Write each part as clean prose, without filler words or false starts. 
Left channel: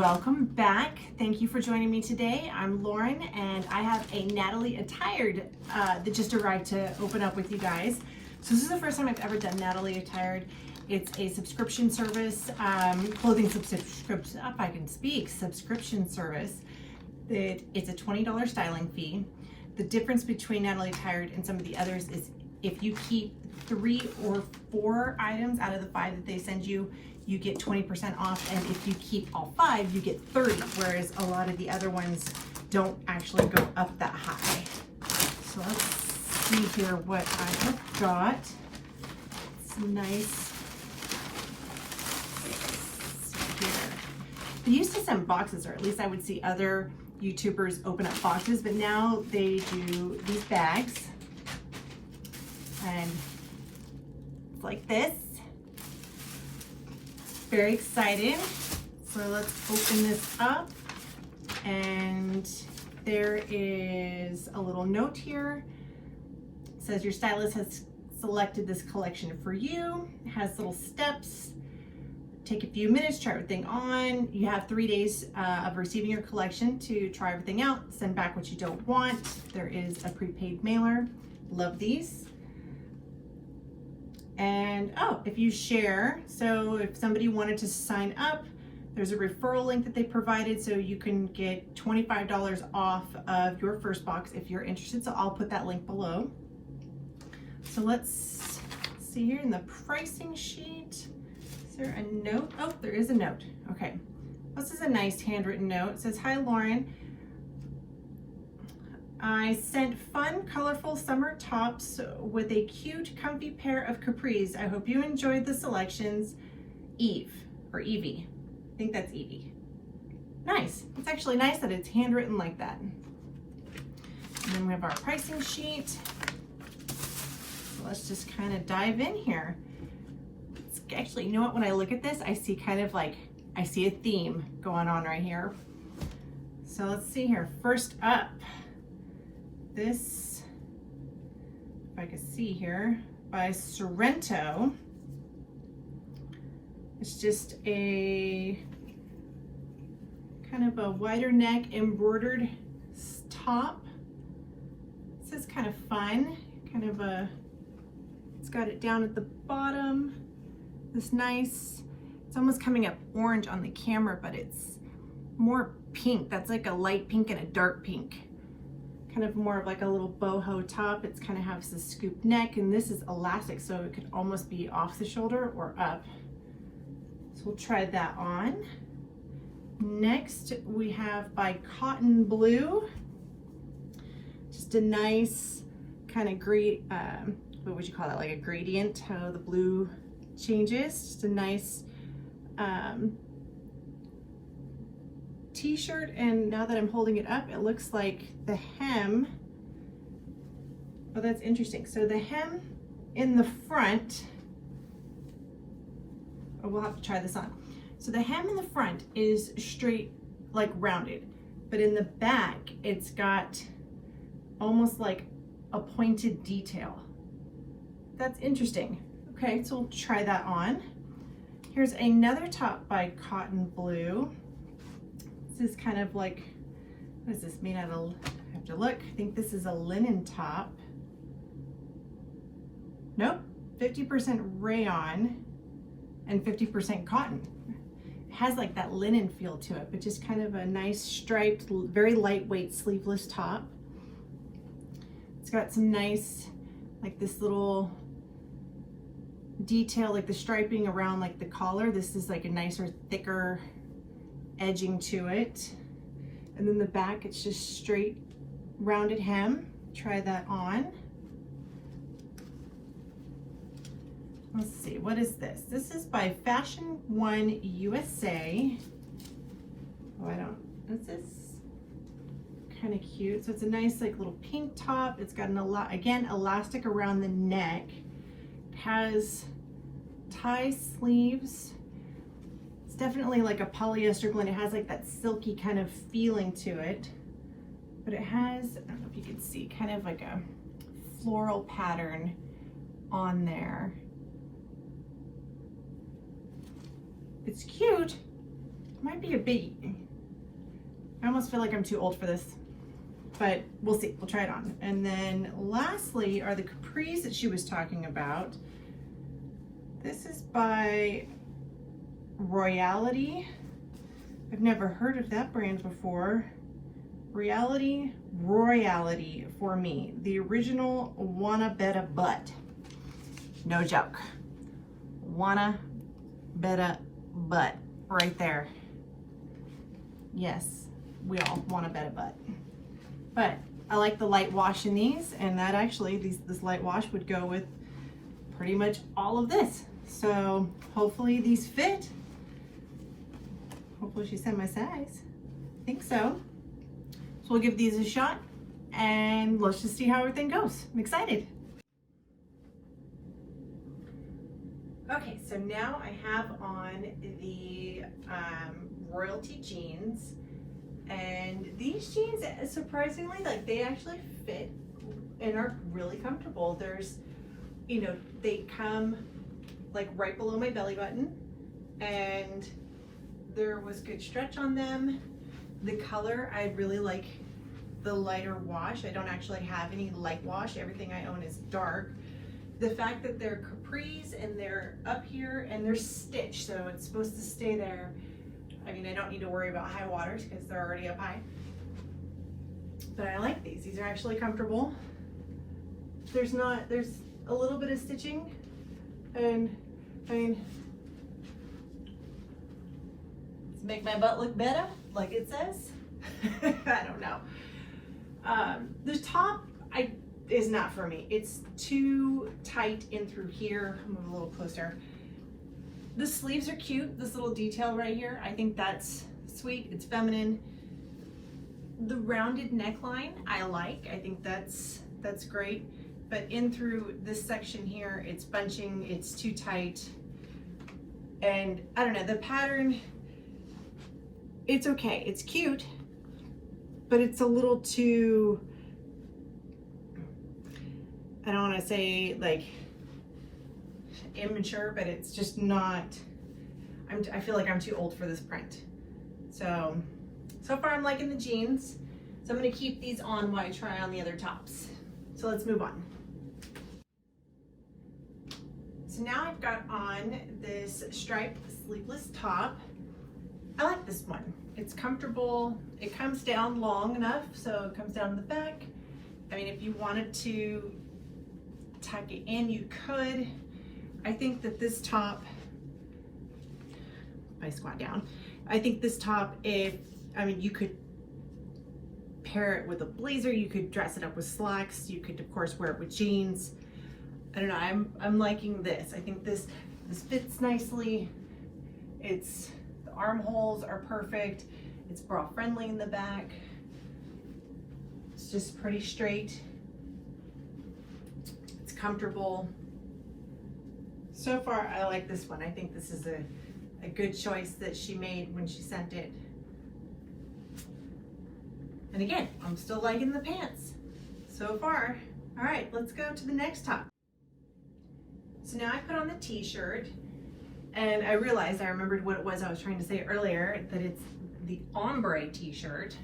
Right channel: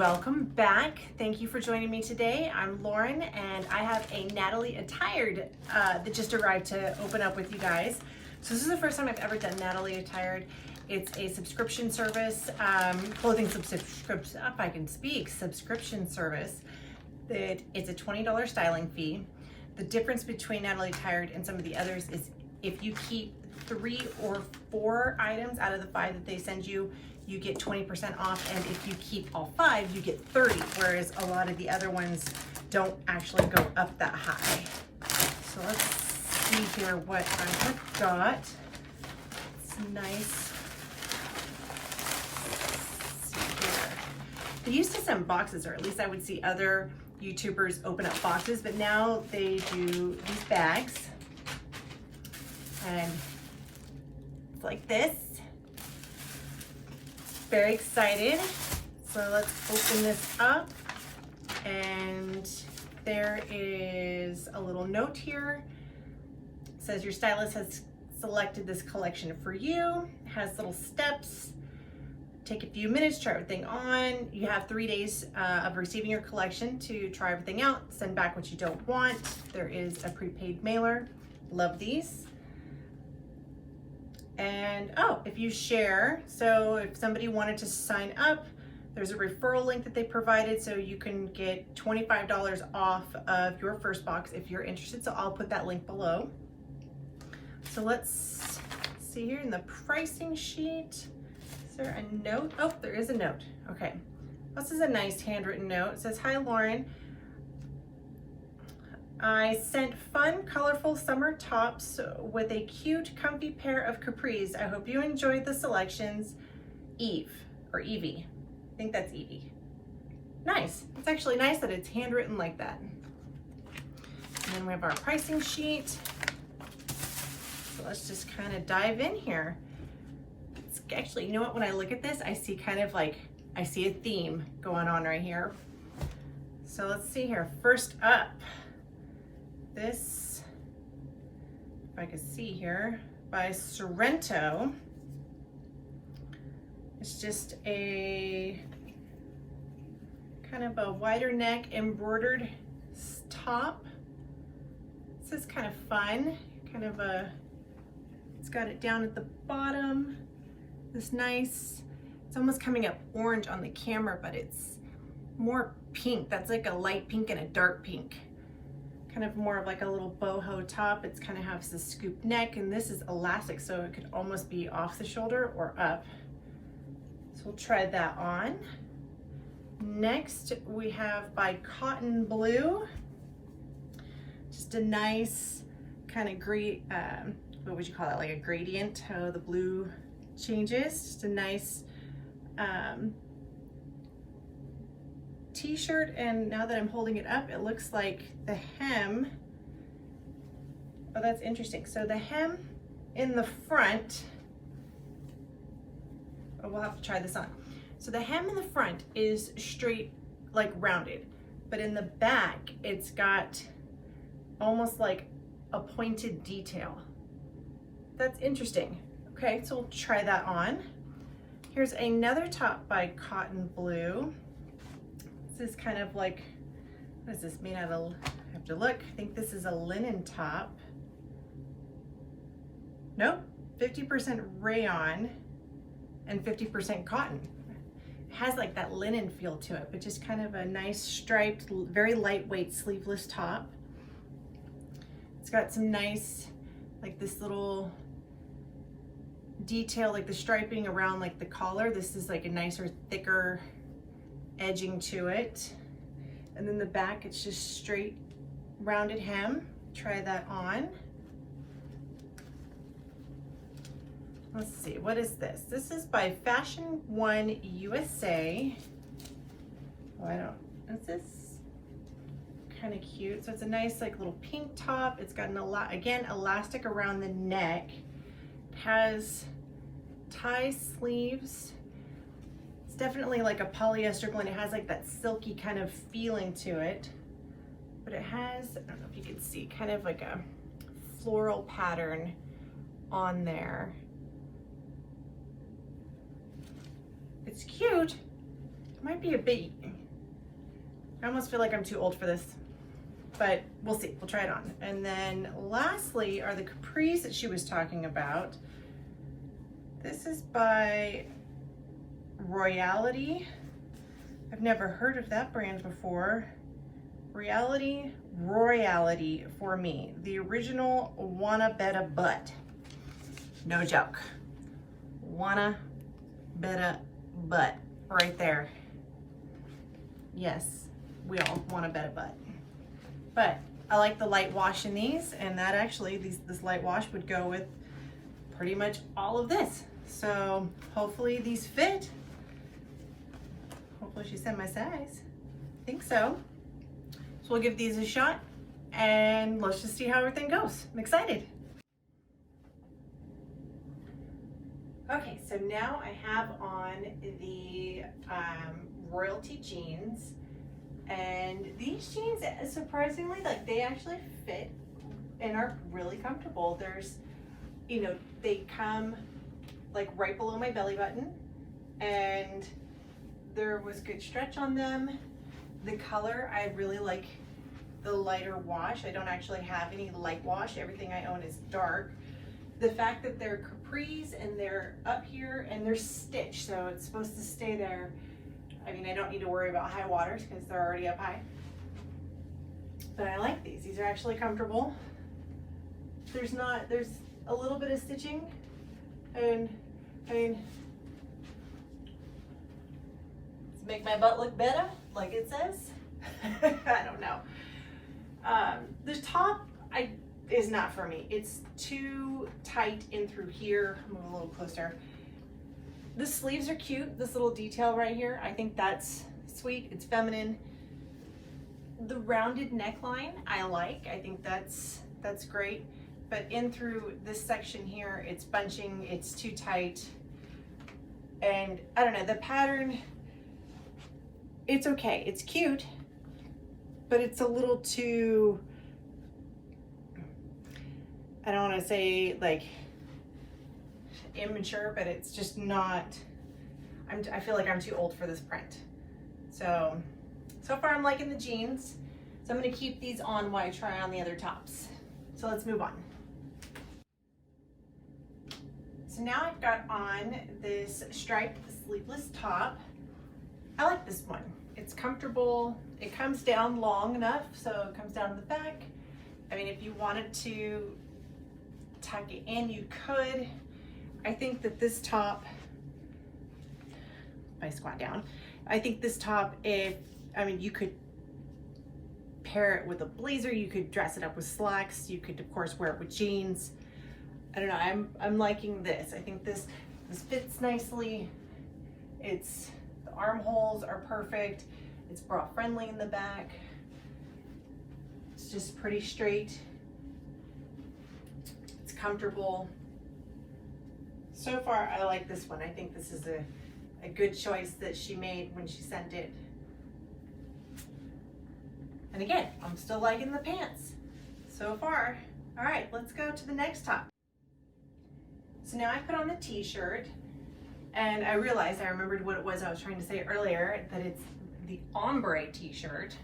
Welcome back. Thank you for joining me today. I'm Lauren and I have a Natalie Attired that just arrived to open up with you guys. So this is the first time I've ever done Natalie Attired. It's a subscription service, clothing subscription, if I can speak, subscription service. It's a $20 styling fee. The difference between Natalie Attired and some of the others is if you keep 3 or 4 items out of the 5 that they send you, you get 20% off, and if you keep all 5, you get 30, whereas a lot of the other ones don't actually go up that high. So let's see here what I have got. It's nice. Let's see here. They used to send boxes, or at least I would see other YouTubers open up boxes, but now they do these bags, and it's like this. Very excited. So let's open this up, and there is a little note here. It says your stylist has selected this collection for you. It has little steps. Take a few minutes, try everything on. You have 3 days of receiving your collection to try everything out. Send back what you don't want. There is a prepaid mailer. Love these. And oh, if you share, so if somebody wanted to sign up, there's a referral link that they provided, so you can get $25 off of your first box if you're interested. So I'll put that link below. So let's see here in the pricing sheet. Is there a note? Oh, there is a note. Okay. This is a nice handwritten note. It says, "Hi Lauren. I sent fun, colorful summer tops with a cute, comfy pair of capris. I hope you enjoyed the selections. Eve," or Evie. I think that's Evie. Nice. It's actually nice that it's handwritten like that. And then we have our pricing sheet. So let's just kind of dive in here. It's actually, you know what, when I look at this, I see kind of like, I see a theme going on right here. So let's see here. First up, this, if I can see here, by Sorento. It's just a kind of a wider neck embroidered top. This is kind of fun, kind of a, it's got it down at the bottom. This nice, it's almost coming up orange on the camera, but it's more pink. That's like a light pink and a dark pink. Kind of more of like a little boho top. It's kind of has the scoop neck, and this is elastic, so it could almost be off the shoulder or up. So we'll try that on. Next we have by Cotten Blue. Just a nice kind of great, what would you call that? Like a gradient, how the blue changes. Just a nice t-shirt, and now that I'm holding it up, it looks like the hem, oh, that's interesting. So the hem in the front, oh, we'll have to try this on. So the hem in the front is straight, like rounded, but in the back, it's got almost like a pointed detail. That's interesting. Okay, so we'll try that on. Here's another top by Cotten Blue. This is kind of like, what is this made out of? I have to look. I think this is a linen top. Nope, 50% rayon and 50% cotton. It has like that linen feel to it, but just kind of a nice striped, very lightweight sleeveless top. It's got some nice, like this little detail, like the striping around like the collar. This is like a nicer, thicker edging to it. And then the back, it's just straight rounded hem. Try that on. Let's see, what is this? This is by Fashion One USA. Oh, I don't, is this kind of cute? So it's a nice like little pink top. It's got again, elastic around the neck. It has tie sleeves. Definitely like a polyester blend. It has like that silky kind of feeling to it, but it has, I don't know if you can see, kind of like a floral pattern on there. It's cute. might be a big, I almost feel like I'm too old for this, but we'll see, we'll try it on. And then lastly are the capris that she was talking about. This is by Royalty. I've never heard of that brand before. Royalty for me. The original Wanna Betta Butt. No joke. Wanna Betta Butt right there. Yes, we all want a Betta Butt. But I like the light wash in these, and that actually, this light wash would go with pretty much all of this. So hopefully these fit. Hopefully she said my size. I think so. So we'll give these a shot and let's just see how everything goes. I'm excited. Okay, so now I have on the Royalty jeans, and these jeans, surprisingly, like they actually fit and are really comfortable. There's, you know, they come like right below my belly button, and there was good stretch on them. The color, I really like the lighter wash. I don't actually have any light wash. Everything I own is dark. The fact that they're capris and they're up here and they're stitched, so it's supposed to stay there. I mean, I don't need to worry about high waters because they're already up high. But I like these. These are actually comfortable. There's a little bit of stitching, and I mean, to make my butt look better, like it says. I don't know. The top is not for me. It's too tight in through here. Move a little closer. The sleeves are cute. This little detail right here, I think that's sweet. It's feminine. The rounded neckline I like. I think that's great. But in through this section here, it's bunching. It's too tight. And I don't know, the pattern, it's okay. It's cute, but it's a little too, I don't want to say like immature, but it's just not, I feel like I'm too old for this print. So far I'm liking the jeans. So I'm going to keep these on while I try on the other tops. So let's move on. So now I've got on this striped sleeveless top. I like this one. It's comfortable. It comes down long enough, so it comes down the back. I mean, if you wanted to tuck it in, you could. I think that this top, if I squat down, I think this top, you could pair it with a blazer, you could dress it up with slacks, you could of course wear it with jeans. I don't know, I'm liking this. I think this fits nicely. The armholes are perfect. It's bra friendly in the back. It's just pretty straight. It's comfortable. So far, I like this one. I think this is a good choice that she made when she sent it. And again, I'm still liking the pants so far. All right, let's go to the next top. So now I put on the t-shirt, and I realized, I remembered what it was I was trying to say earlier, that it's the Ombre t-shirt.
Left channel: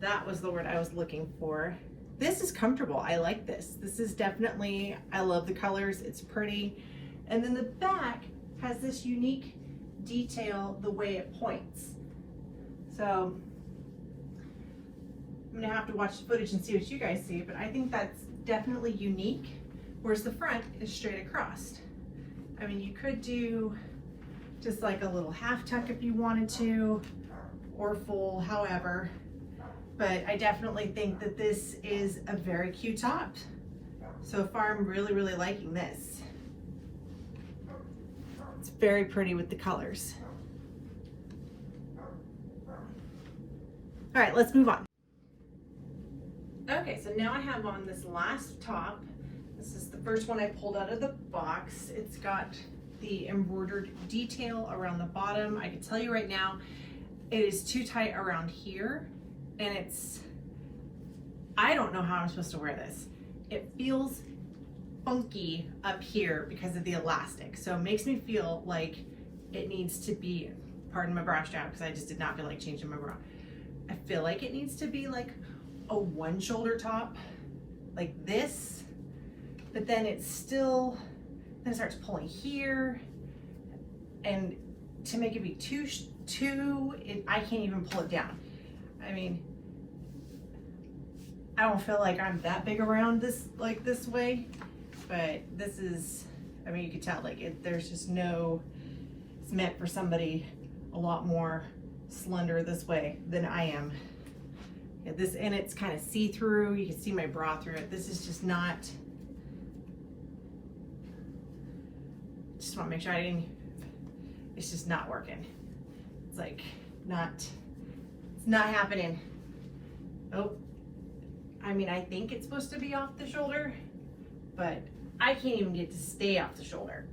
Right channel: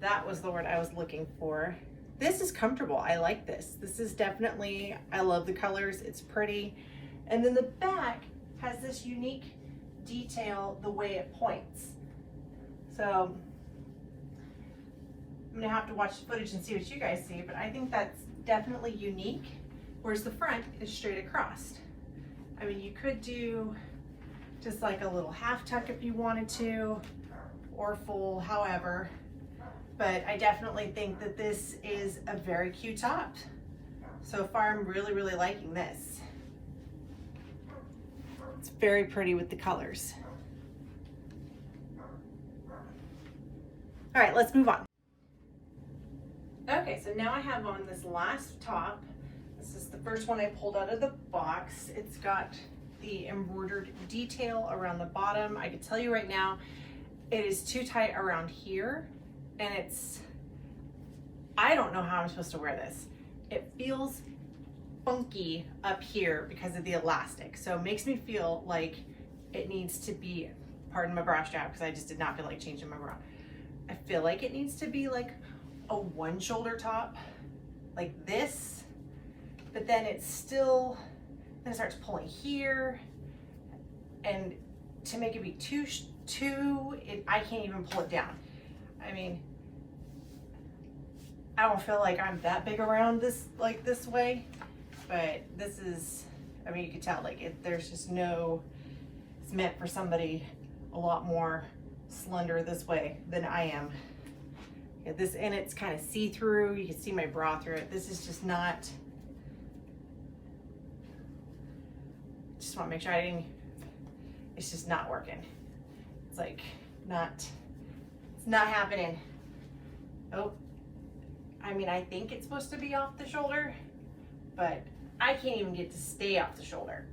That was the word I was looking for. This is comfortable. I like this. This is definitely, I love the colors. It's pretty. And then the back has this unique detail, the way it points. So I'm gonna have to watch the footage and see what you guys see, but I think that's definitely unique, whereas the front is straight across. I mean, you could do just like a little half tuck if you wanted to, or full, however, but I definitely think that this is a very cute top. So far, I'm really, really liking this. It's very pretty with the colors. All right, let's move on. Okay, so now I have on this last top. This is the first one I pulled out of the box. It's got the embroidered detail around the bottom. I can tell you right now, it is too tight around here, and I don't know how I'm supposed to wear this. It feels funky up here because of the elastic. So it makes me feel like it needs to be pardon my bra strap, because I just did not feel like changing my bra. I feel like it needs to be like a one shoulder top, like this, but then it's still, then it starts pulling here, and to make it be I can't even pull it down. I mean, I don't feel like I'm that big around this, like this way, but this is, I mean, you can tell, like there's just no, it's meant for somebody a lot more slender this way than I am. Yeah, this, and it's kind of see-through. You can see my bra through it. This is just not, just want to make sure it's just not working. It's like it's not happening. Oh, I mean, I think it's supposed to be off the shoulder, but I can't even get to stay off the shoulder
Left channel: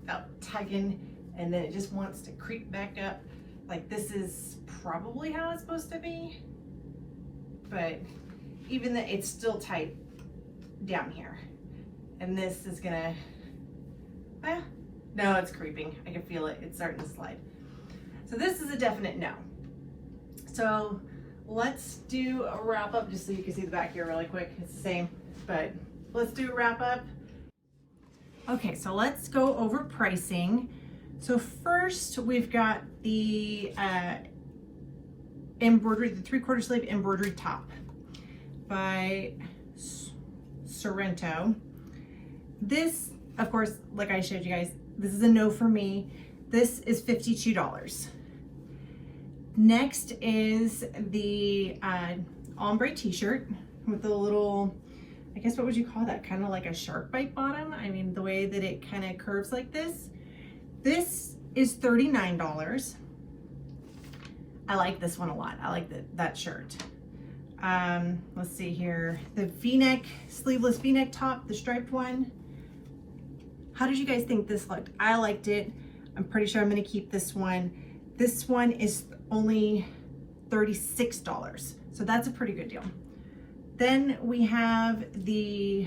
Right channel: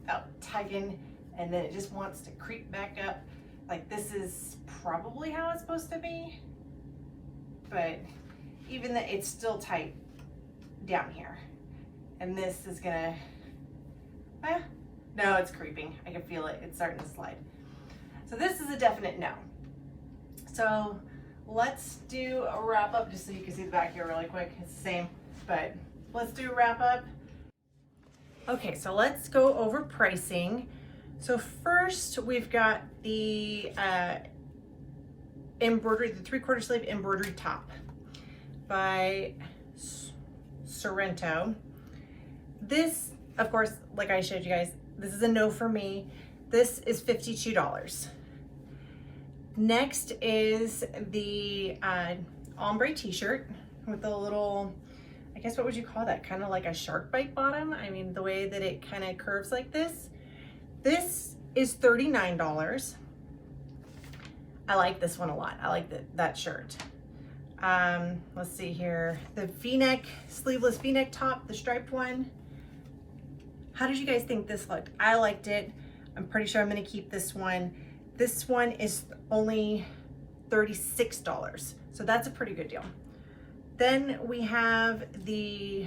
without tugging, and then it just wants to creep back up. Like, this is probably how it's supposed to be, but even that, it's still tight down here. And this is gonna, no, it's creeping. I can feel it. It's starting to slide. So this is a definite no. So let's do a wrap up, just so you can see the back here really quick. It's the same, but let's do a wrap up. Okay, so let's go over pricing. So first we've got the embroidery, the 3/4 sleeve embroidery top by Sorento. This, of course, like I showed you guys, this is a no for me. This is $52. Next is the Ombre t-shirt with the little, I guess, what would you call that? Kind of like a shark bite bottom. I mean, the way that it kind of curves like this. This is $39. I like this one a lot. I like that shirt. Let's see here. The V-neck, sleeveless V-neck top, the striped one. How did you guys think this looked? I liked it. I'm pretty sure I'm gonna keep this one. This one is only $36. So that's a pretty good deal. Then we have the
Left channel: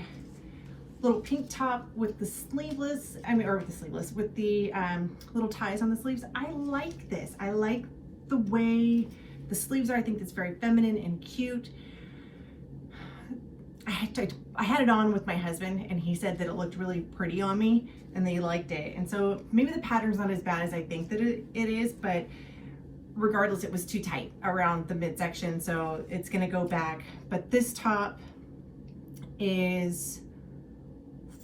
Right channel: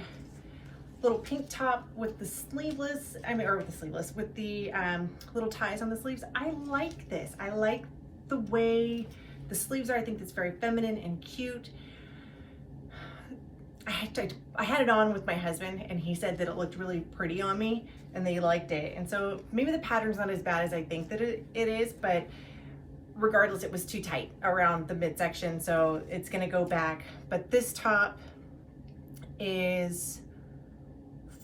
little pink top with the sleeveless, with the little ties on the sleeves. I like this. I like the way the sleeves are. I think it's very feminine and cute. I had it on with my husband, and he said that it looked really pretty on me and that he liked it. And so maybe the pattern's not as bad as I think that it is, but regardless, it was too tight around the midsection, so it's gonna go back. But this top is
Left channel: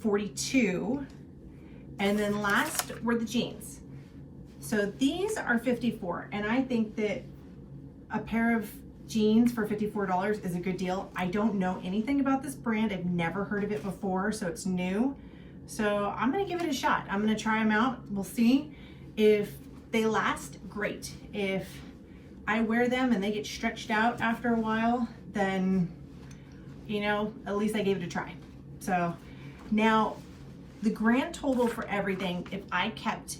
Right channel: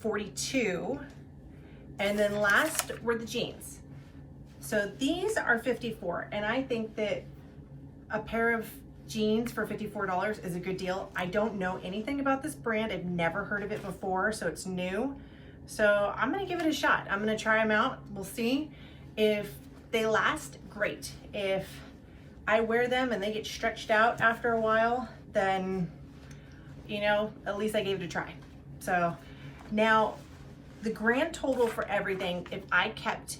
$42. And then last were the jeans. So these are $54, and I think that a pair of jeans for $54 is a good deal. I don't know anything about this brand. I've never heard of it before, so it's new. So I'm gonna give it a shot. I'm gonna try them out. We'll see if they last. Great. If I wear them and they get stretched out after a while, then, you know, at least I gave it a try. So now the grand total for everything, if I kept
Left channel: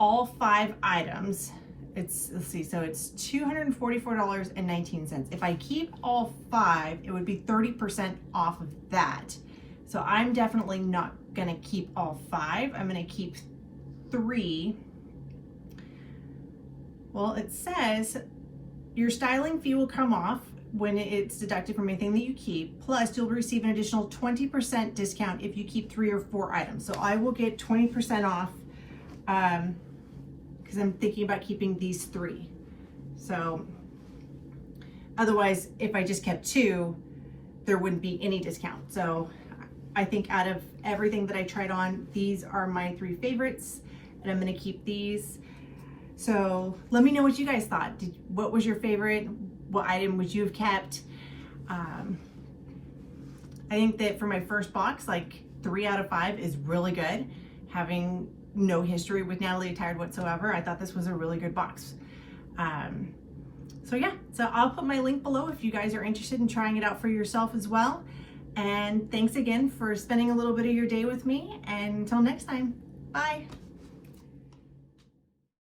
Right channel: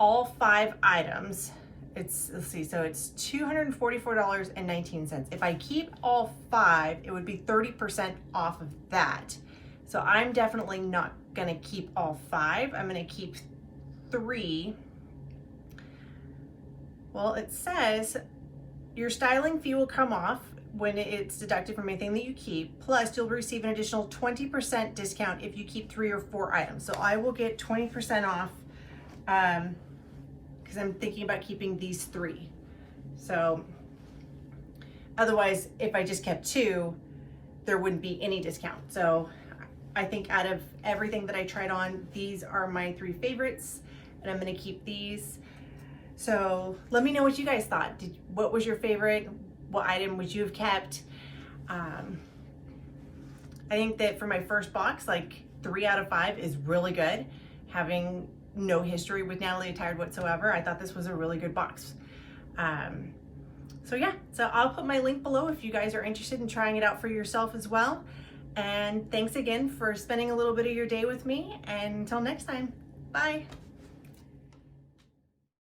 all 5 items, it's, let's see, so it's $244.19. If I keep all 5, it would be 30% off of that. So I'm definitely not gonna keep all 5. I'm gonna keep 3. Well, it says your styling fee will come off when it's deducted from anything that you keep. Plus, you'll receive an additional 20% discount if you keep 3 or 4 items. So I will get 20% off because I'm thinking about keeping these 3. So otherwise, if I just kept 2, there wouldn't be any discount. So I think out of everything that I tried on, these are my 3 favorites, and I'm gonna keep these. So let me know what you guys thought. What was your favorite? What item would you have kept? I think that for my first box, like 3 out of 5 is really good. Having no history with Natalie Attired whatsoever, I thought this was a really good box. So yeah, so I'll put my link below if you guys are interested in trying it out for yourself as well. And thanks again for spending a little bit of your day with me. And until next time, bye.